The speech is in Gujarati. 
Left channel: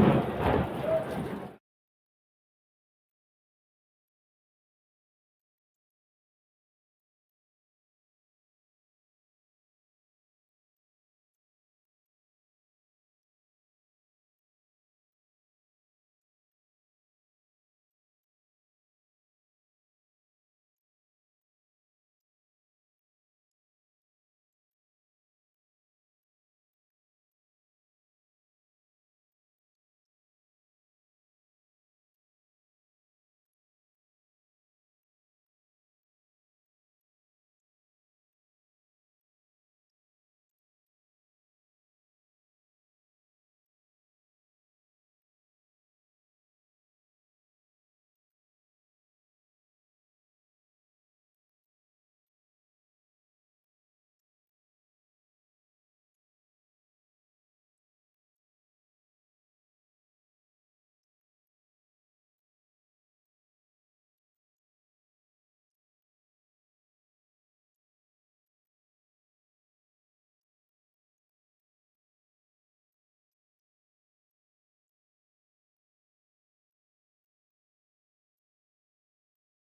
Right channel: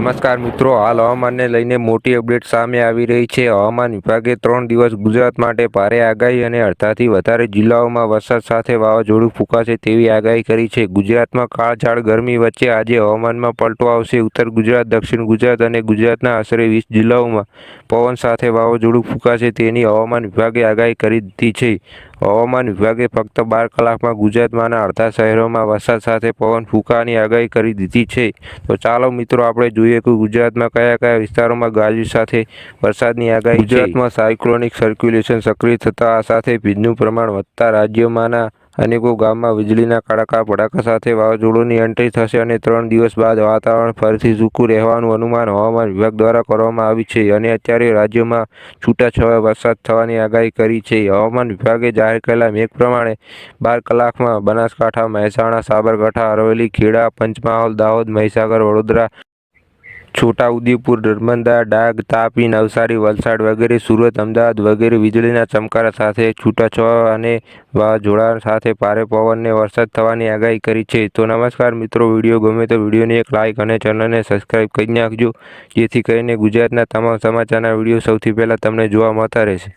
નમસ્કાર મિત્રો, હાલ હવામાનને લઈને મોટી અપડેટ સામે આવી રહી છે. હવામાન વિભાગે ત્રણ દિવસ ગુજરાત માટે ભારે આગાહી અને અડધાથી વધારે જિલ્લાઓમાં વરસાદ સાથે વાવાઝોડું ફૂંકાશે તેવી આગાહી કરી છે. ગુજરાતમાં કાળઝાળ ગરમી વચ્ચે આજે હવામાનમાં પલટો આવશે. ઉત્તર ગુજરાત, દક્ષિણ ગુજરાત અને ગુજરાતના આશરે વીસ જિલ્લાઓમાં પવન સાથે વાવાઝોડું ફૂંકાશે તેની હવામાન વિભાગે આગાહી કરી દીધી છે. હવામાન વિભાગે ફક્ત બાર કલાકમાં ગુજરાતમાંના અડધા શહેરોમાં વરસાદ સાથે પવન ફૂંકાની આગાહી કરી દીધી છે. તો ચાલો મિત્રો, આપણે જોઈએ કે ગુજરાતમાં કયા કયા વિસ્તારોમાં ગાજવી સાથે વરસાદની આગાહી ગુજરાતમાં સાયક્લોનિક સર્ક્યુલેશન સક્રિય થતા સાથે ભીજનું પ્રમાણ વધતા રાજ્યોમાંના અનેકો ગામમાં વીજળીના કડાકા ભડાકા સાથે વાવાઝોડુંની એન્ટ્રી થશે અને ત્રણ દિવસ બાદ વાતાવરણ ફરીથી સૂકું રહેવાનું અનુમાન હવામાન વિભાગ દ્વારા કરવામાં આવ્યું છે અને અત્યારે રાજ્યમાં છૂટાછવાયા વરસાદ થવાની આગાહી કરી છે. હવામાન વિભાગે જાહેર કરેલા મેઘ પ્રમાણે બાર કલાકમાં બનાસકાંઠા, મહેસાણા, સાબરકાંઠા, અરવલ્લી, ખેડા, પંચમહાલ, દાહોદ, મહીસાગર, વડોદરા છોટાઉદેપુર નર્મદા ડાંગ, તાપી, નવસારી, વલસાડ વગેરે, સુરત, અમદાવાદ વગેરે વીજળીના ચમકારા સાથે છૂટાછવાયા અને વાવાઝોડા સાથે ભારે પવનને વરસાદ થવાની આગાહી કરી છે. તો નમસ્કાર મિત્રો, વીડિયો ગમે તો વિડીયોને એક લાઇક અને ચેનલને સબસ્ક્રાઈબ કરી નાખજો, જેથી કરીને ગુજરાતના તમામ સમાચારના વીડિયો સૌથી પહેલાં તમને જોવા મળતા રહેશે.